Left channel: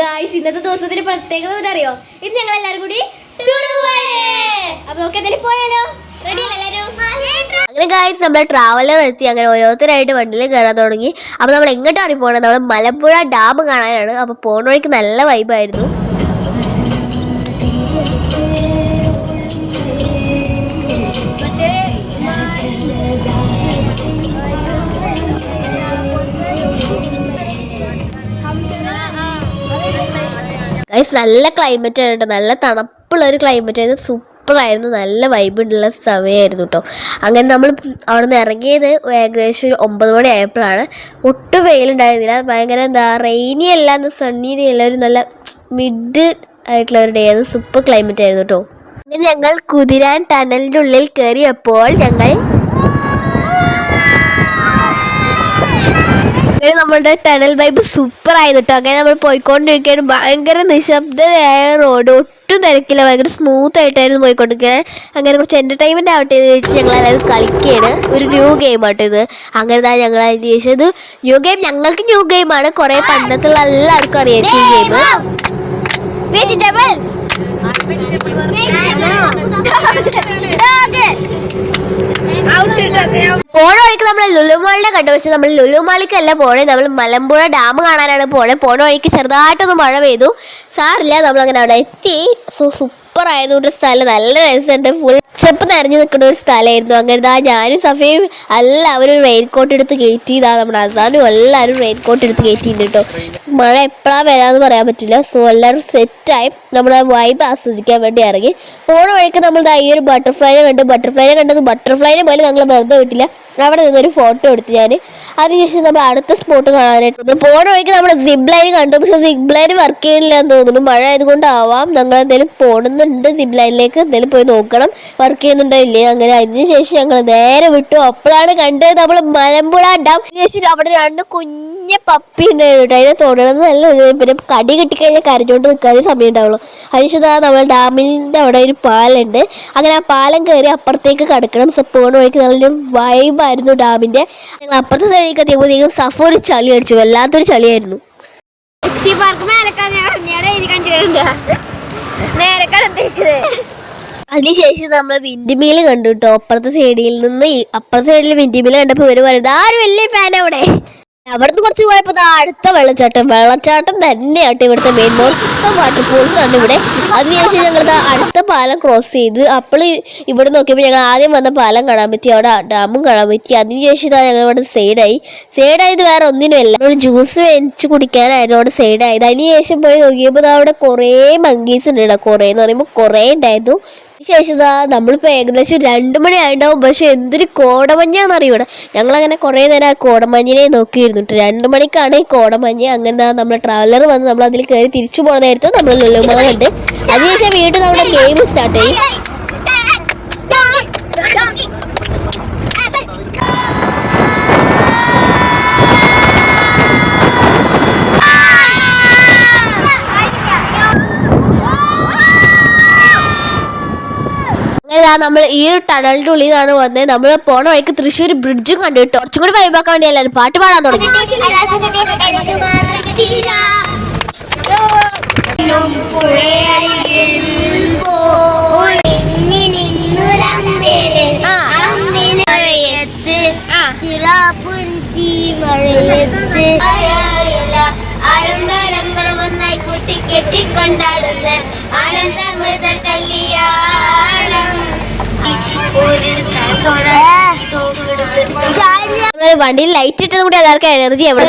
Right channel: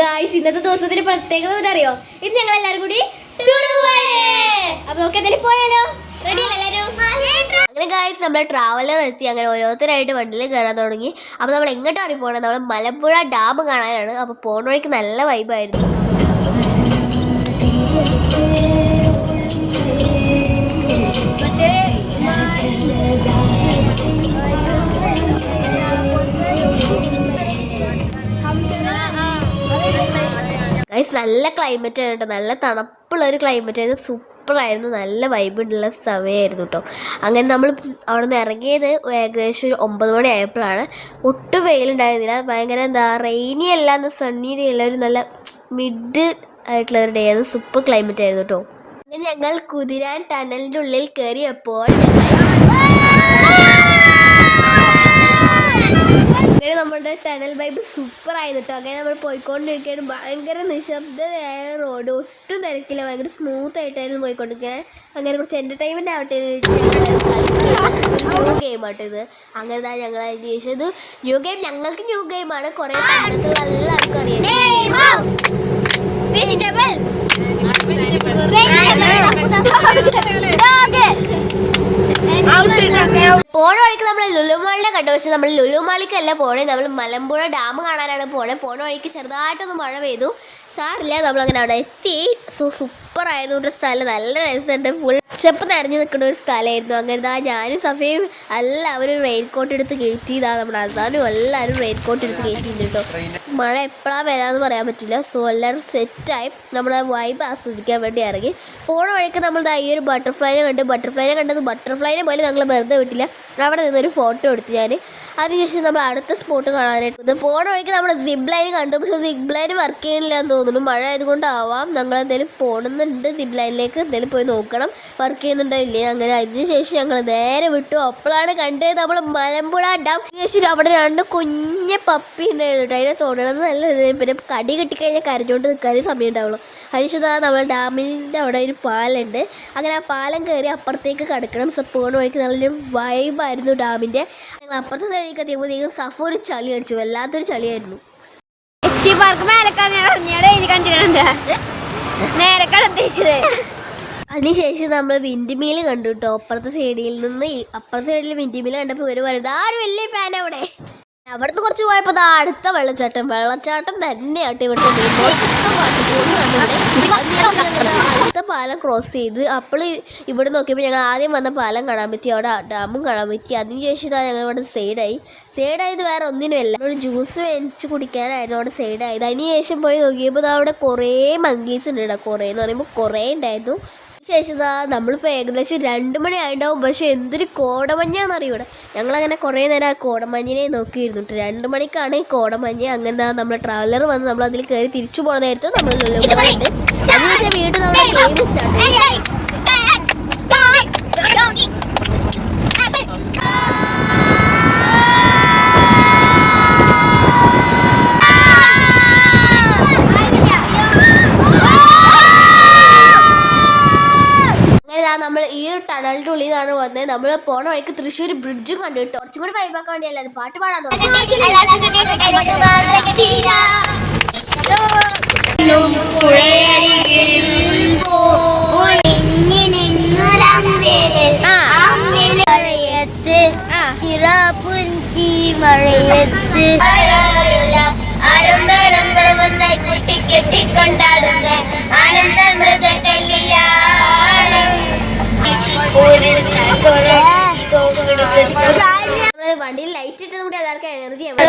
Guys, ഇന്നത്തെ ദിവസത്തിന്റെ പ്രത്യേകത അറിയോ? ഇത് ഞങ്ങൾ എല്ലാരും കൂടി അപ്പൊ നമുക്ക് എന്തെങ്കിലും പോയാലോ? റെഡി അല്ലേ എല്ലാരും? അങ്ങനെ ഗായ്സ്, നമ്മൾ ട്രാവലർ എത്തി. അങ്ങനെ ഓരോരുത്തരായിട്ട് വണ്ടിയിൽ കയറാൻ തുടങ്ങി. അപ്പൊ നമ്മൾ എങ്ങോട്ടാണ് പോകണത്? നമ്മൾ മലമ്പുഴ ഡാം കാണാനാണ്. അപ്പൊ പോണ വഴിക്ക് നല്ല വൈബായിരുന്നു. ഗൈസ്, നല്ല ക്ലൈമറ്റ് ആണ് കേട്ടോ. നല്ല തണുപ്പുള്ള ഒരു ക്ലൈമറ്റ് ആയിരുന്നു. സൂപ്പറായിരുന്നു. നല്ല വൈബുള്ള സമയമായിരുന്നു കേട്ടോ. അങ്ങനെ നമ്മൾ അവിടെ നിന്ന് ഇറങ്ങിയത് ഏകദേശം ഒരു 9 മണി ആയപ്പോഴാണ്. ഒട്ടും വെയിലുണ്ടായിരുന്നില്ല. ഭയങ്കര റെയിനി അല്ല, സണ്ണി അല്ല, ഒരു നല്ല മിഡ് ആയിട്ടുള്ള ഒരു ഡേ ആയിരുന്നു. സൂപ്പർ ക്ലൈമറ്റ് ആയിരുന്നു കേട്ടോ. അങ്ങനെ ഞങ്ങൾ കുതിരാൻ ടണലിൻ്റെ ഉള്ളിൽ കയറിയപ്പോൾ നമ്മളുടെ ടണൽ വൈബ് സൂപ്പർ ആയിരുന്നു കേട്ടോ. അങ്ങനെ നമ്മൾ പോയിക്കൊണ്ടിരിക്കുകയാണ്. ഭയങ്കര നിശബ്ദതയായ റോഡ്, ഒട്ടും തിരക്കില്ല, ഭയങ്കര സ്മൂത്ത് ആയിട്ടായിരുന്നു പോയിക്കൊണ്ടിരിക്കുന്നത്. അങ്ങനെ കുറച്ച് എൻ്റർടൈൻമെൻറ്റ് ആവട്ടെ എന്ന് വെച്ച് ഞങ്ങൾ എല്ലാവരും കളിക്കുകയാണ്. ഒരു ന്യൂ ഗെയിം ആട്ടോ ഇത്. അങ്ങനെ ഞങ്ങൾ അതിന് ശേഷം ഇത് ന്യൂ ഗെയിം, ഞങ്ങൾക്ക് ന്യൂ ഗെയിമാണ്. കുറേ പണ്ടത്തുള്ള എല്ലാവർക്കും അറിയായിരിക്കും ഈ ഗെയിം. പോണ വഴിക്ക് നമ്മൾ ലുലുമാളിനെ കണ്ടു. പക്ഷെ നമ്മൾ ലുലുമാളിക്കല്ല പോണേ, നമ്മൾ മലമ്പുഴ ഡാം കാണാനാണ് പോണേ. പോണ വഴിക്ക് ചെറുതായിട്ടൊന്ന് മഴ പെയ്തു, സാറില്ല. നമ്മളങ്ങനെ അവിടെ എത്തി. സൂപ്പറായിരുന്നു ഒരു സ്ഥലം. നല്ല രസമുണ്ട്. ഫുൾ ചെപ്പ് നിറഞ്ഞു നിൽക്കുന്ന ഒരു സ്ഥലമായിരുന്നു. അങ്ങനെ ഞാനും സഫയും എല്ലാവരും റെയിൻകോട്ട് എടുത്ത് കയറ്റിയതാ. നമ്മുടെ അസാനും എല്ലാവരും റെയിൻകോട്ട് എടുത്ത് കയറ്റിയിട്ടുണ്ട് കേട്ടോ. മഴ എപ്പോഴാണ് വരാമെന്ന് പറയാൻ പറ്റില്ല. സോ എല്ലാവരും സെറ്റായി നമ്മുടെ വൈബ് ആസ്വദിക്കാൻ വേണ്ടി ഇറങ്ങി. പോണ വഴിക്ക് നമ്മൾ ഈ ഒരു ബട്ടർഫ്ലൈനെ കണ്ടത് ബട്ടർഫ്ലൈനെ പോലെ ഞങ്ങൾ വെറുതെ വിട്ടില്ല. അവിടെ നിന്നൊരു ഫോട്ടോ എടുത്തു ഞാൻ. അതിനുശേഷം നമ്മൾ അടുത്ത സ്പോട്ട് കാണാനായിട്ട് പോണ വഴിക്ക് നമ്മൾ സിബ് ലൈൻ കണ്ടു. പക്ഷെ സിബ് ലൈൻ വർക്ക് ചെയ്യണില്ല എന്ന് തോന്നുന്നു. മഴ ആയതുകൊണ്ടാവാം. ഞങ്ങൾ എന്തെങ്കിലും പോകണമെന്നുണ്ട്, സിബ് ലൈനിലേക്ക് എന്തെങ്കിലും പോയി നോക്കണം വർക്ക് ചെയ്യുന്നുണ്ടോ ഇല്ലേ. അങ്ങനെ അതിനുശേഷം ഞങ്ങൾ നേരെ വിട്ടു. അപ്പോഴാണ് കണ്ടത് നമ്മൾ മലമ്പുഴ ഡാം. അതിനുശേഷം അവിടെ 2 കുഞ്ഞ പപ്പി ഉണ്ടായിരുന്നു കേട്ടോ. അതിനെ തൊടണമെന്ന് നല്ല, പിന്നെ കടി കിട്ടിക്കഴിഞ്ഞാൽ കരഞ്ഞുകൊണ്ട് നിൽക്കാനേ സമയം ഉണ്ടാവുള്ളൂ. അതിനുശേഷം നമ്മൾ ഡാമിൻ്റെ അവിടെ ഒരു പാലുണ്ട്. അങ്ങനെ ആ പാലം കയറി അപ്പുറത്തേക്ക് കിടക്കണം. സോ പോണ വഴിക്ക് നല്ലൊരു വൈബായിരുന്നു ഡാമിൻ്റെ. ഞങ്ങൾ അപ്പുറത്തെ സൈഡിലേക്ക് എത്തിയപ്പോഴത്തേക്കും സഫ ഒരു ചളി അടിച്ചു. വല്ലാത്തൊരു ചളിയായിരുന്നു. അതിനുശേഷം നമ്മൾ വിൻഡിമീൽ കണ്ടു കേട്ടോ. അപ്പുറത്തെ സൈഡിൽ നിന്ന് അപ്പുറത്തെ സൈഡിൽ വിൻഡിമീൽ കണ്ടപ്പോൾ ഇവർ പറയുന്നത് ആരും വലിയ ഫാൻ അവിടെ. അവിടുന്ന് കുറച്ച് പോയപ്പോൾ അടുത്ത വെള്ളച്ചാട്ടം തന്നെയാട്ടോ ഇവിടുത്തെ മെയിൻ. മൊത്തം വാട്ടർഫോൾസ് ആണ് ഇവിടെ. അതിനുശേഷം ഞങ്ങൾ അടുത്ത പാലം ക്രോസ് ചെയ്ത് അപ്പോൾ ഇവിടെ നോക്കിയപ്പോൾ ഞങ്ങൾ ആദ്യം വന്ന പാലം കാണാൻ പറ്റി, അവിടെ ഡാമും കാണാൻ പറ്റി. അതിനുശേഷം ഞങ്ങൾ ഇവിടെ സൈഡായത് വേറെ ഒന്നിനുമല്ല, ഒരു ജ്യൂസ് വെച്ച് കുടിക്കാനായിരുന്നു അവിടെ സൈഡായത്. അതിനുശേഷം പോയി നോക്കിയപ്പോൾ അവിടെ കുറേ മങ്കീസ് ഉണ്ട്. കുറേ എന്ന് പറയുമ്പോൾ കുറേ ഉണ്ടായിരുന്നു. ശേഷം നമ്മളിപ്പോൾ ഏകദേശം 2 മണി ആയിട്ടുണ്ടാവും. പക്ഷെ എന്തൊരു കോടമഞ്ഞാന്നറിയും ഇവിടെ. ഞങ്ങളങ്ങനെ കുറേ നേരം ആ കോടമഞ്ഞിനെ നോക്കിയിരുന്നു. 2 മണിക്കാണ് ഈ കോടമഞ്ഞ്. അങ്ങനെ നമ്മൾ ട്രാവലർ വന്ന് നമ്മൾ അതിൽ കയറി തിരിച്ചു പോകുന്നതായിരുന്നു നമ്മൾ ലുലുമാള കണ്ട്. അതിനുശേഷം വീണ്ടും നമ്മുടെ ഗെയിം സ്റ്റാർട്ട് ചെയ്യും. നമ്മൾ ഈ ഒരു ടണലിന്റെ ഉള്ളിൽ നിന്നാണ് വന്നത്. നമ്മൾ പോണ വഴിക്ക് തൃശ്ശൂർ ബ്രിഡ്ജും കണ്ടു കേട്ടോ. കുറച്ചും കൂടി വൈബാക്കാൻ വേണ്ടി എല്ലാവരും പാട്ട് പാടാൻ തുടങ്ങി. വണ്ടിയിൽ ലൈറ്റ് ഇട്ടത് കൂടി എല്ലാവർക്കും എനർജി എവിടെ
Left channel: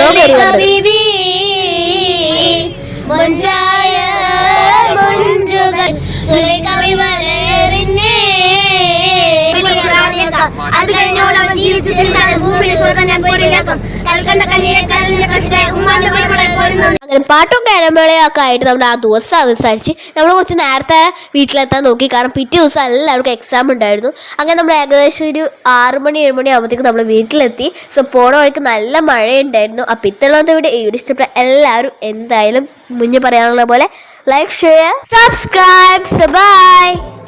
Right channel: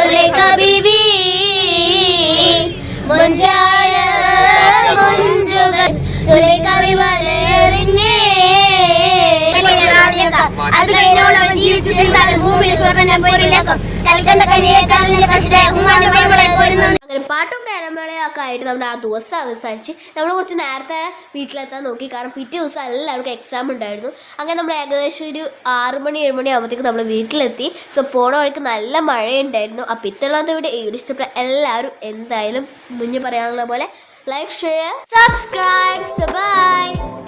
അങ്ങനെ പാട്ടും കാരമ്പളയൊക്കെ ആയിട്ട് നമ്മുടെ ആ ദിവസം അവസാനിച്ച് നമ്മൾ കുറച്ച് നേരത്തെ വീട്ടിലെത്താൻ നോക്കി. കാരണം പിറ്റേ ദിവസം എല്ലാവർക്കും എക്സാം ഉണ്ടായിരുന്നു. അങ്ങനെ നമ്മൾ ഏകദേശം ഒരു 6 മണി 7 മണി ആകുമ്പോഴത്തേക്കും നമ്മൾ വീട്ടിലെത്തി. സോ പോണ വഴിക്ക് നല്ല മഴയുണ്ടായിരുന്നു. അപ്പം ഇത്തവണത്തെ വീഡിയോ ഇഷ്ടപ്പെട്ട എല്ലാവരും എന്തായാലും മുന്നേ പറയാനുള്ള പോലെ ലൈക്ക്, ഷെയർ, സബ്സ്ക്രൈബ്. ബൈ.